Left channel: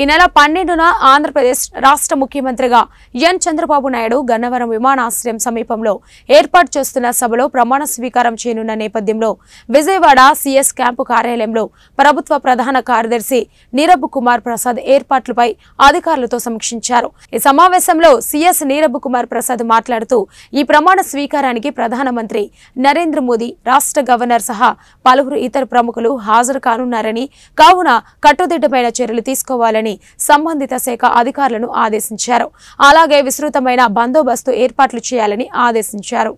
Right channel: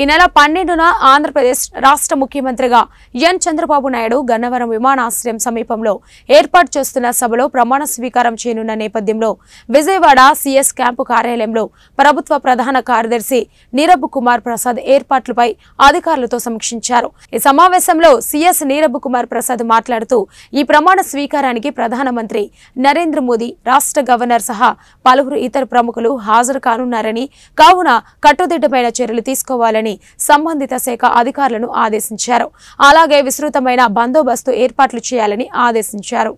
ఈ నెల 12న ఆంధ్రప్రదేశ్ రాష్ట్ర ముఖ్యమంత్రిగా ఎన్ చంద్రబాబు నాయుడు గన్నవరం విమానాశ్రయం సమీపంలో ఏర్పాటు చేస్తున్న సభలో ప్రమాణ స్వీకారం చేయనున్న నేపథ్యంలో విజయవాడ సిఎస్ క్యాంపు కార్యాలయంలో ప్రభుత్వ ప్రధాన కార్యదర్శి నీరబ్ కుమార్ ప్రసాద్ ఏర్పాట్లపై అధికారులతో సమీక్షించారు। ఈ సమావేశంలో సిఎస్ నీరబ్ కుమార్ ప్రసాద్ మాట్లాడుతూ ఈ ప్రమాణ స్వీకారానికి ప్రధానమంత్రి నరేంద్ర మోదీ, రాష్ట్ర గవర్నర్ సహా పలువురు ఇతర ప్రముఖులు హాజరు కానున్నారని, కావున కట్టుదిట్టమైన చర్యలు తీసుకోవాలని సంబంధిత శాఖ అధికారులను ఆదేశించారు। అలాగే విస్తృతమైన బందోబస్తు ఏర్పాట్లు చేయాలని ఆదేశించారు।